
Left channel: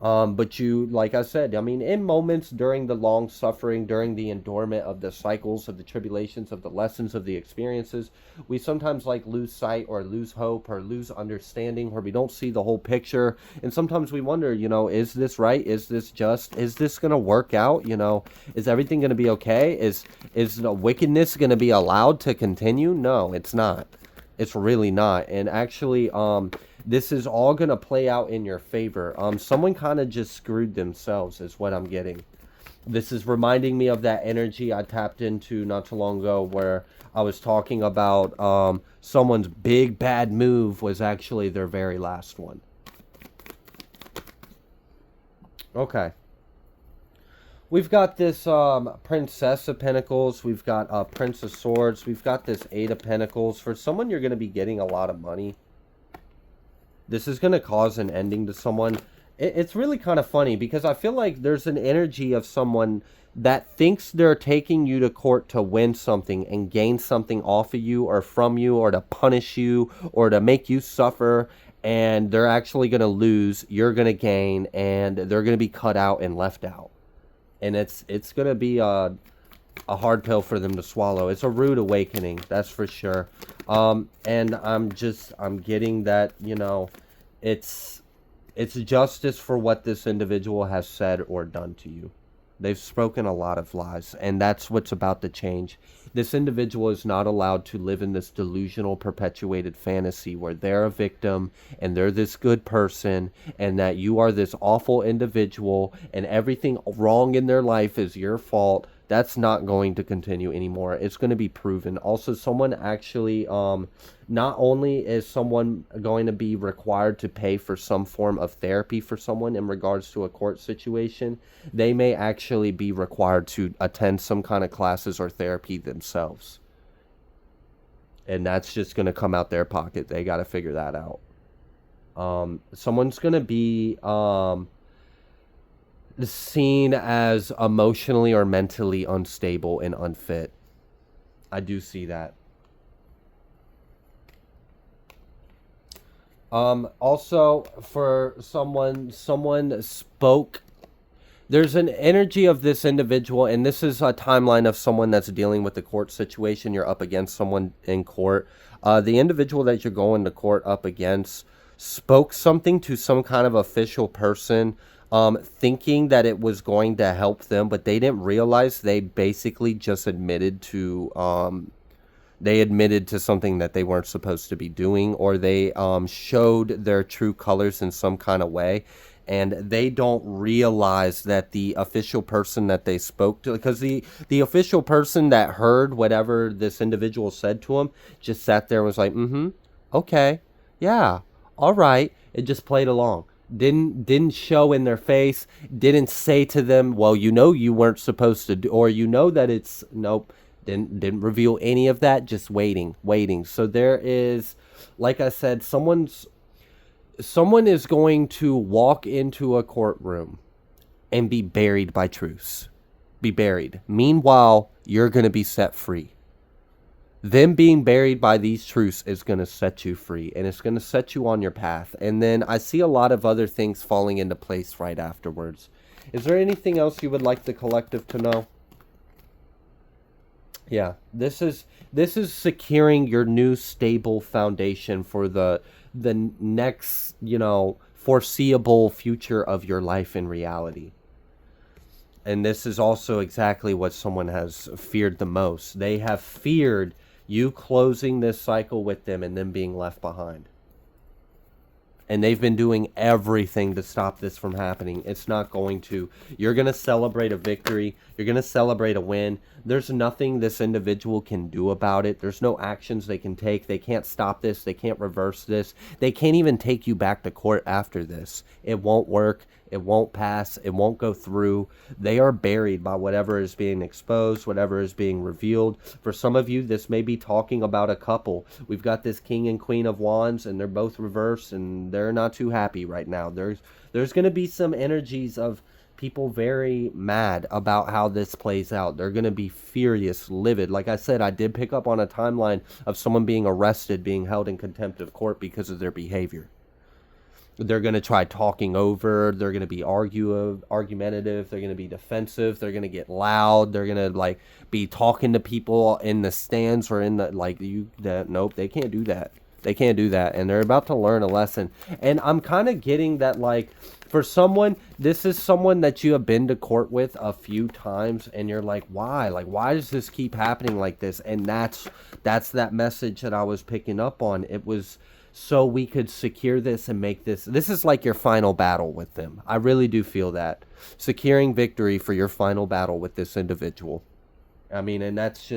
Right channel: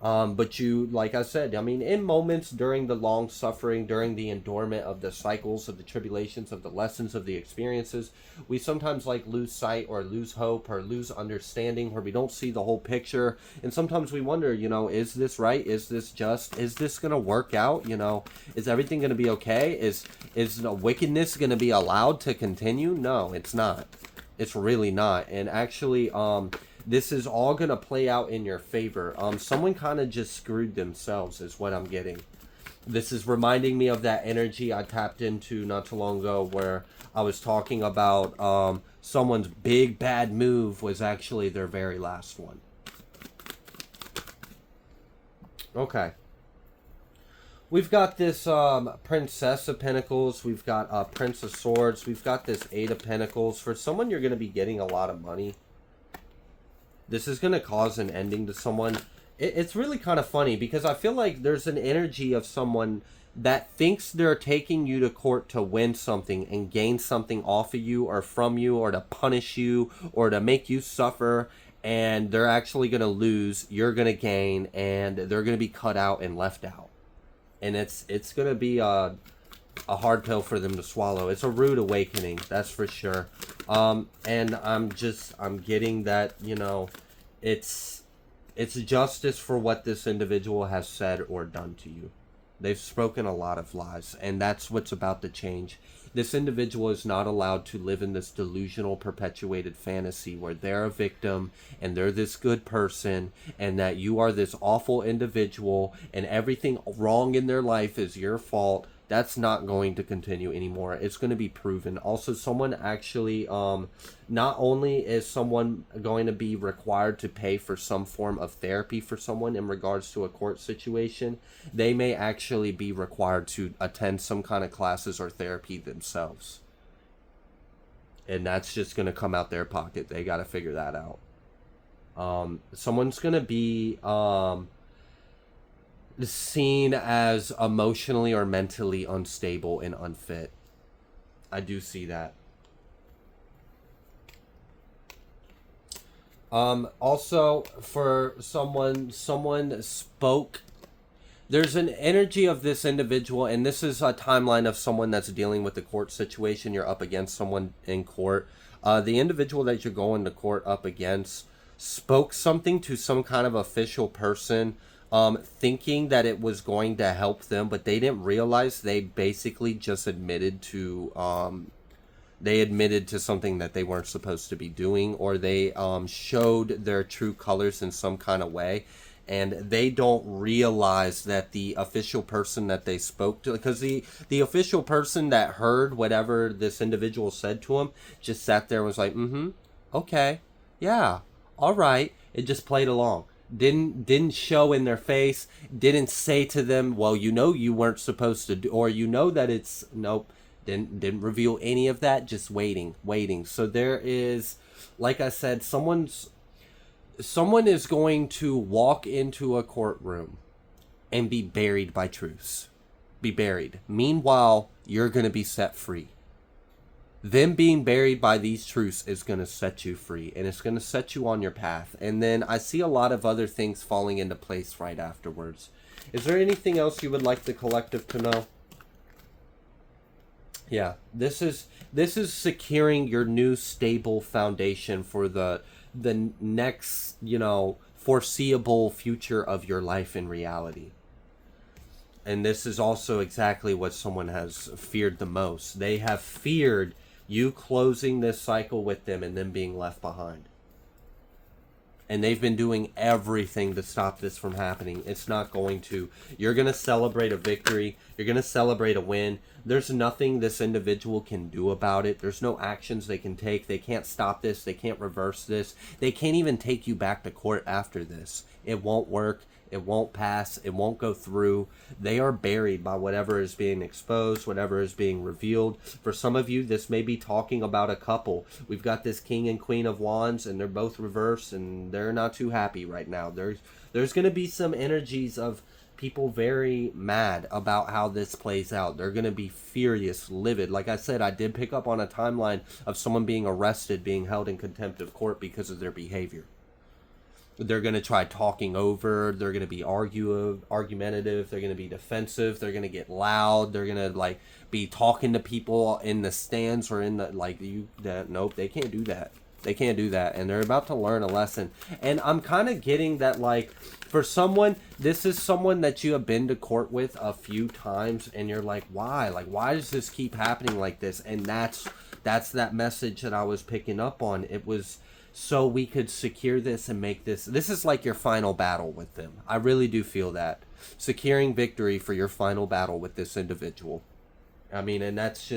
But you, like I said, I mean, in moments during the long suffering, during the endurement of the cycles of the tribulations, of the lessons of the experiences, we sometimes like lose sight or lose hope or lose understanding where we don't see the whole picture. And sometimes we wonder, is this right? Is this just? Is this going to work out? Is everything going to be okay? Is the wickedness going to be allowed to continue? No, it's not. It's really not. And actually, this is all going to play out in your favor. Someone kind of just screwed themselves is what I'm getting. This is reminding me of that energy I tapped into not too long ago where I was talking about someone's big bad move was actually their very last one. Okay. We've got this Princess of Pentacles. We've got Prince of Swords. We've got this Eight of Pentacles. For someone, you're going to be getting a lot of money. This is going to cause an ending to someone. It's really kind of funny because I feel like there's an energy of someone that thinks they're taking you to court to win something and gain something off of you or from you or to punish you or to make you suffer. And they're actually going to lose. You're going to gain. And they're going to be cut out and left out. And it's going to be a hard pill for them to swallow. It's a rude awakening, that's for sure. And I'm getting that, it's justice for what this individual has said or done to you. They've spoken a lot of lies, and that's what's about to change. This individual is not allowed to live in this delusional, perpetuated fantasy where they're a victim and they're this good person and that you are this awful individual and everything wrong in their life is your fault. That's not going to continue anymore. It's going to be proven. Also, someone actually, not only is someone going to be required to pay for some form of therapy for someone in regards to a court situation, they may actually be required to attend some kind of classes or therapy themselves. And that's just going to come out their pocket. They got to figure that out. Someone's going to be seen as emotionally or mentally unstable and unfit. I do see that. Also, for someone spoke. There's an energy of this individual, and this is a timeline of someone that's dealing with the court situation. You're up against someone in court. The individual that you're going to court up against spoke something to some kind of official person thinking that it was going to help them, but they didn't realize they basically just admitted to something that they weren't supposed to be doing, or they showed their true colors in some kind of way, and they don't realize that the official person that they spoke to, because the official person that heard whatever this individual said to him just sat there and was like, mm-hmm, okay, yeah, all right. It just played along. Didn't show in their face, didn't say to them, well, you weren't supposed to do, or that it's nope. Didn't reveal any of that, just waiting. So there is, like I said, someone is going to walk into a courtroom and be buried by truths. Be buried. Meanwhile, you're going to be set free. Them being buried by these truths is going to set you free, and it's going to set you on your path. And then I see a lot of other things falling into place right afterwards. Is there anything else you would like the collective to know? Yeah, this is securing your new stable foundation for the next, foreseeable future of your life in reality. And this is also exactly what someone has feared the most. They have feared you closing this cycle with them and them being left behind. And they've been doing everything to stop this from happening. It's not going to. You're going to celebrate a victory. You're going to celebrate a win. There's nothing this individual can do about it. There's no actions they can take. They can't stop this. They can't reverse this. They can't even take you back to court after this. It won't work. It won't pass. It won't go through. They are buried by whatever is being exposed, whatever is being revealed. For some of you, this may be talking about a couple. We've got this King and Queen of Wands, and they're both reversed, and they're not too happy right now. There's going to be some energies of people very mad about how this plays out. They're going to be furious, livid. Like I said, I did pick up on a timeline of someone being arrested, being held in contempt of court because of their behavior. They're going to try talking over. They're going to be argumentative. They're going to be defensive. They're going to get loud. They're going to be talking to people in the stands or in the nope, they can't do that. They can't do that, and they're about to learn a lesson. And I'm kind of getting that, for someone, this is someone that you have been to court with a few times, and you're like, why? Why does this keep happening like this? And that's that message that I was picking up on. It was so we could secure this and make this is like your final battle with them. I really do feel that. Securing victory for your final battle with this individual. I mean, and that's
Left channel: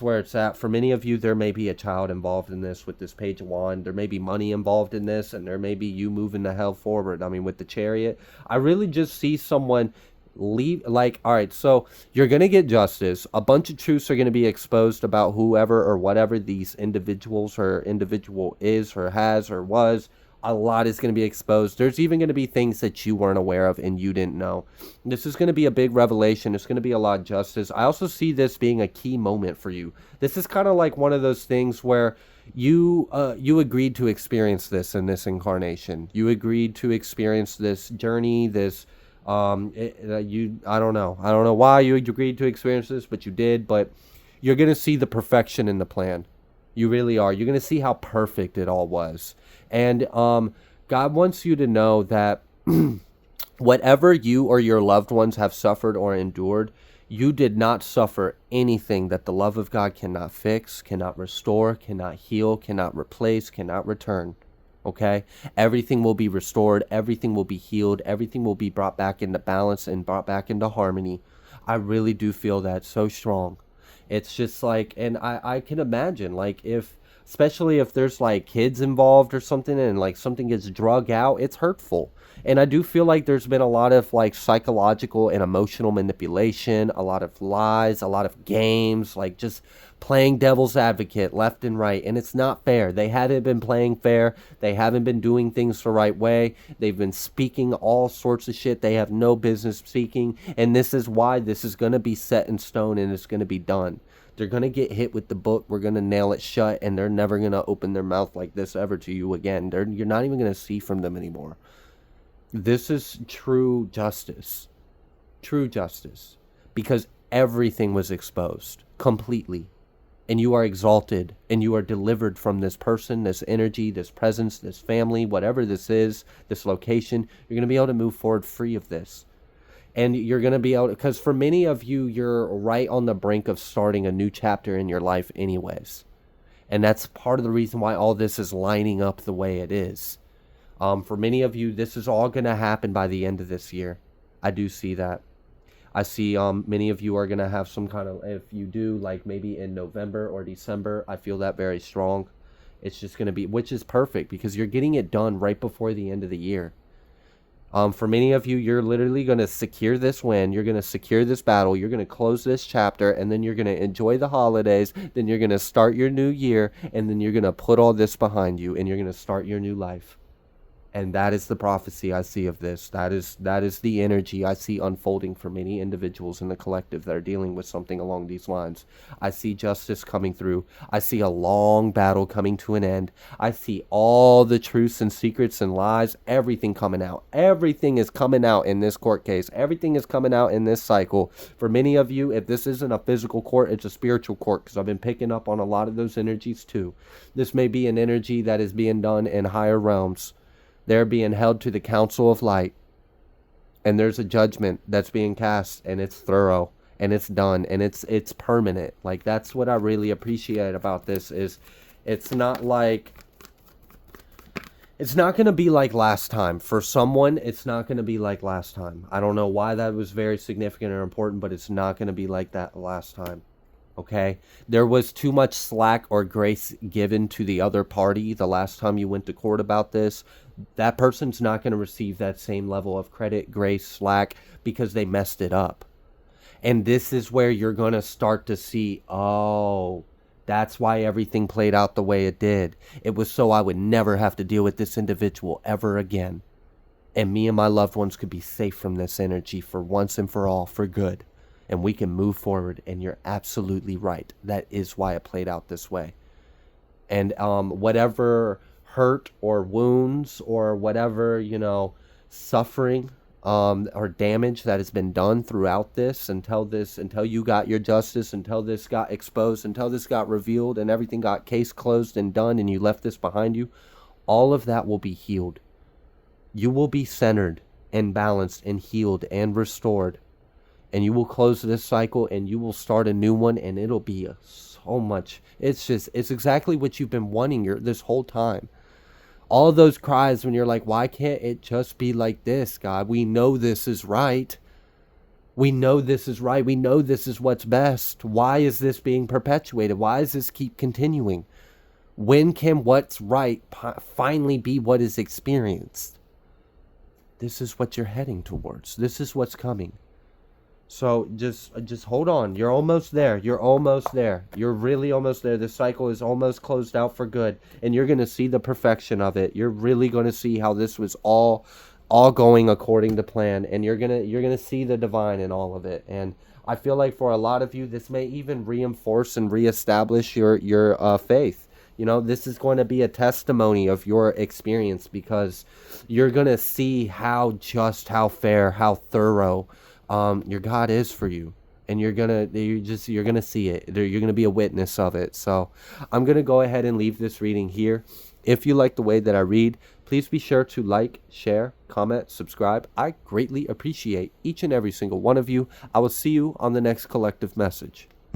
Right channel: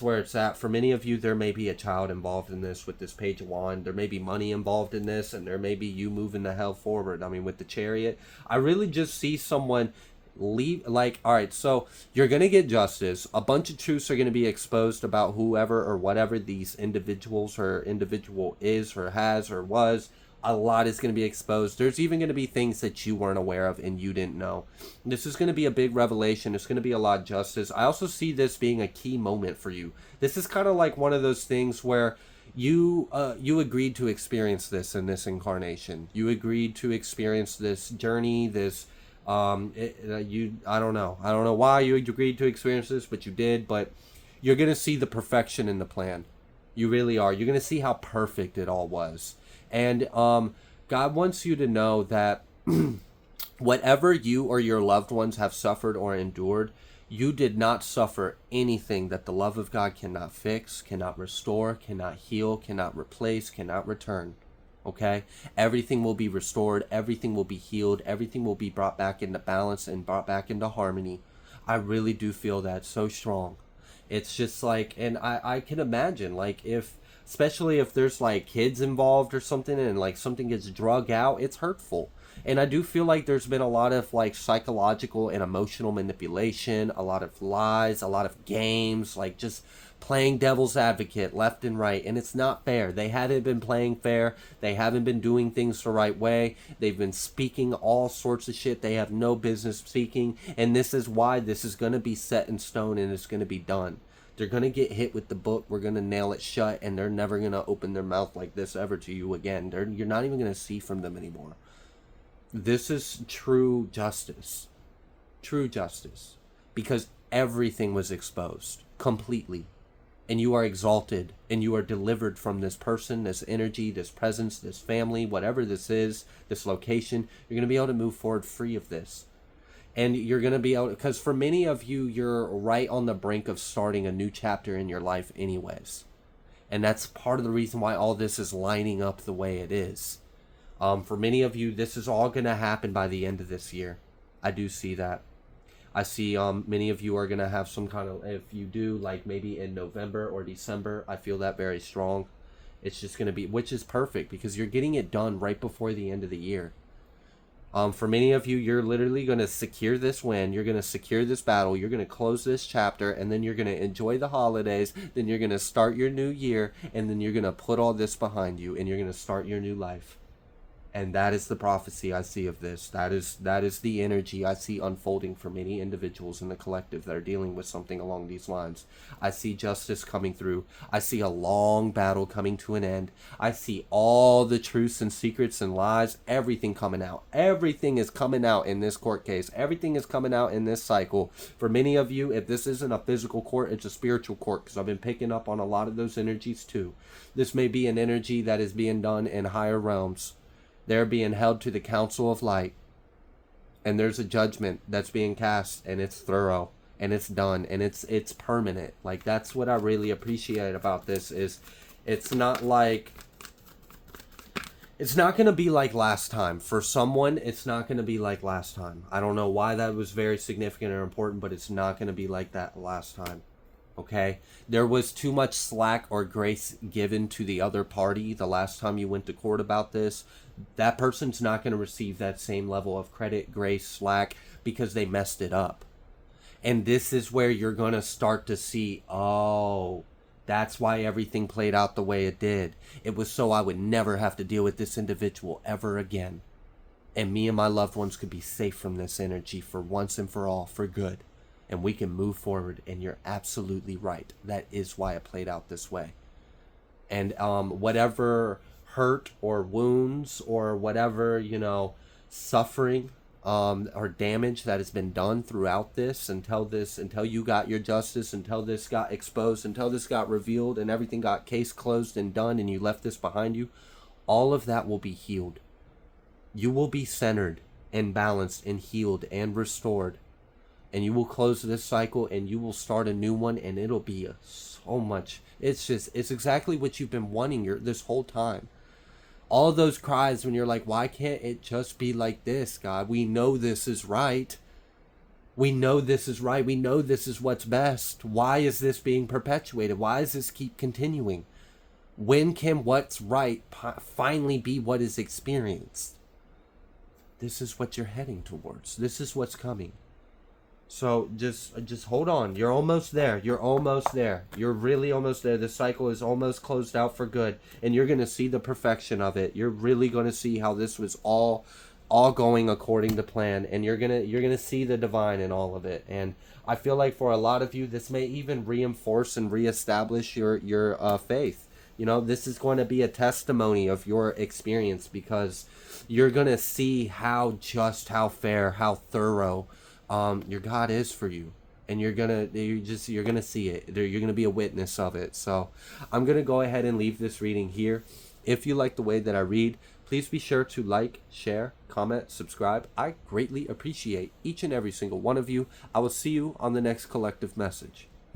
where it's at. For many of you, there may be a child involved in this with this Page of Wands. There may be money involved in this, and there may be you moving the hell forward. I mean, with the Chariot, I really just see someone leave. All right, so you're going to get justice. A bunch of truths are going to be exposed about whoever or whatever these individuals or individual is or has or was. A lot is going to be exposed. There's even going to be things that you weren't aware of and you didn't know. This is going to be a big revelation. It's going to be a lot of justice. I also see this being a key moment for you. This is kind of like one of those things where you agreed to experience this in this incarnation. You agreed to experience this journey, this I don't know why you agreed to experience this, but you did. But you're going to see the perfection in the plan. You really are. You're going to see how perfect it all was. And God wants you to know that whatever you or your loved ones have suffered or endured, you did not suffer anything that the love of God cannot fix, cannot restore, cannot heal, cannot replace, cannot return. Okay? Everything will be restored. Everything will be healed. Everything will be brought back into balance and brought back into harmony. I really do feel that so strong. It's just and I can imagine, especially if there's kids involved or something, and something gets drug out, it's hurtful. And I do feel like there's been a lot of psychological and emotional manipulation, a lot of lies, a lot of games, just playing devil's advocate left and right. And it's not fair. They haven't been playing fair. They haven't been doing things the right way. They've been speaking all sorts of shit they have no business speaking. And this is why this is going to be set in stone and it's going to be done. They're going to get hit with the book. We're going to nail it shut, and they're never going to open their mouth like this ever to you again. You're not even going to see from them anymore. This is true justice. True justice. Because everything was exposed. Completely. and you are exalted, and you are delivered from this person, this energy, this presence, this family, whatever this is, this location. You're going to be able to move forward free of this. And you're going to be able to, because for many of you, you're right on the brink of starting a new chapter in your life anyways. And that's part of the reason why all this is lining up the way it is. For many of you, this is all going to happen by the end of this year. I do see that. I see many of you are going to have some kind of, if you do, like maybe in November or December, I feel that very strong. It's just going to be, which is perfect because you're getting it done right before the end of the year. For many of you, you're literally going to secure this win. You're going to secure this battle. You're going to close this chapter, and then you're going to enjoy the holidays. Then you're going to start your new year, and then you're going to put all this behind you, and you're going to start your new life. And that is the prophecy I see of this. That is the energy I see unfolding for many individuals in the collective that are dealing with something along these lines. I see justice coming through. I see a long battle coming to an end. I see all the truths and secrets and lies, everything coming out. Everything is coming out in this court case. Everything is coming out in this cycle. For many of you, if this isn't a physical court, it's a spiritual court, because I've been picking up on a lot of those energies too. This may be an energy that is being done in higher realms. They're being held to the council of light, and there's a judgment that's being cast, and it's thorough, and it's done, and it's permanent. Like, that's what I really appreciate about this, is it's not like, it's not going to be like last time. For someone, it's not going to be like last time. I don't know why that was very significant or important, but it's not going to be like that last time. Okay, there was too much slack or grace given to the other party the last time you went to court about this. That person's not going to receive that same level of credit, grace, slack, because they messed it up. And this is where you're going to start to see, oh, that's why everything played out the way it did. It was so I would never have to deal with this individual ever again. And me and my loved ones could be safe from this energy for once and for all, for good. And we can move forward, and you're absolutely right. That is why it played out this way. And whatever hurt or wounds or whatever, suffering or damage that has been done throughout this, until you got your justice, until this got exposed, until this got revealed, and everything got case closed and done, and you left this behind you, all of that will be healed. You will be centered and balanced and healed and restored. And you will close this cycle, and you will start a new one, and it'll be so much. It's exactly what you've been wanting this whole time. All those cries when you're like, why can't it just be like this, God? We know this is right. We know this is right. We know this is what's best. Why is this being perpetuated? Why does this keep continuing? When can what's right finally be what is experienced? This is what you're heading towards. This is what's coming. So just hold on. You're almost there. You're almost there. You're really almost there. This cycle is almost closed out for good, and you're going to see the perfection of it. You're really going to see how this was all going according to plan, and you're going to see the divine in all of it. And I feel like for a lot of you, this may even reinforce and reestablish your faith. This is going to be a testimony of your experience, because you're going to see how fair, how thorough your God is for you, and you're gonna see it. You're gonna be a witness of it. So I'm gonna go ahead and leave this reading here. If you like the way that I read, please be sure to like, share, comment, subscribe. I greatly appreciate each and every single one of you. I will see you on the next collective message.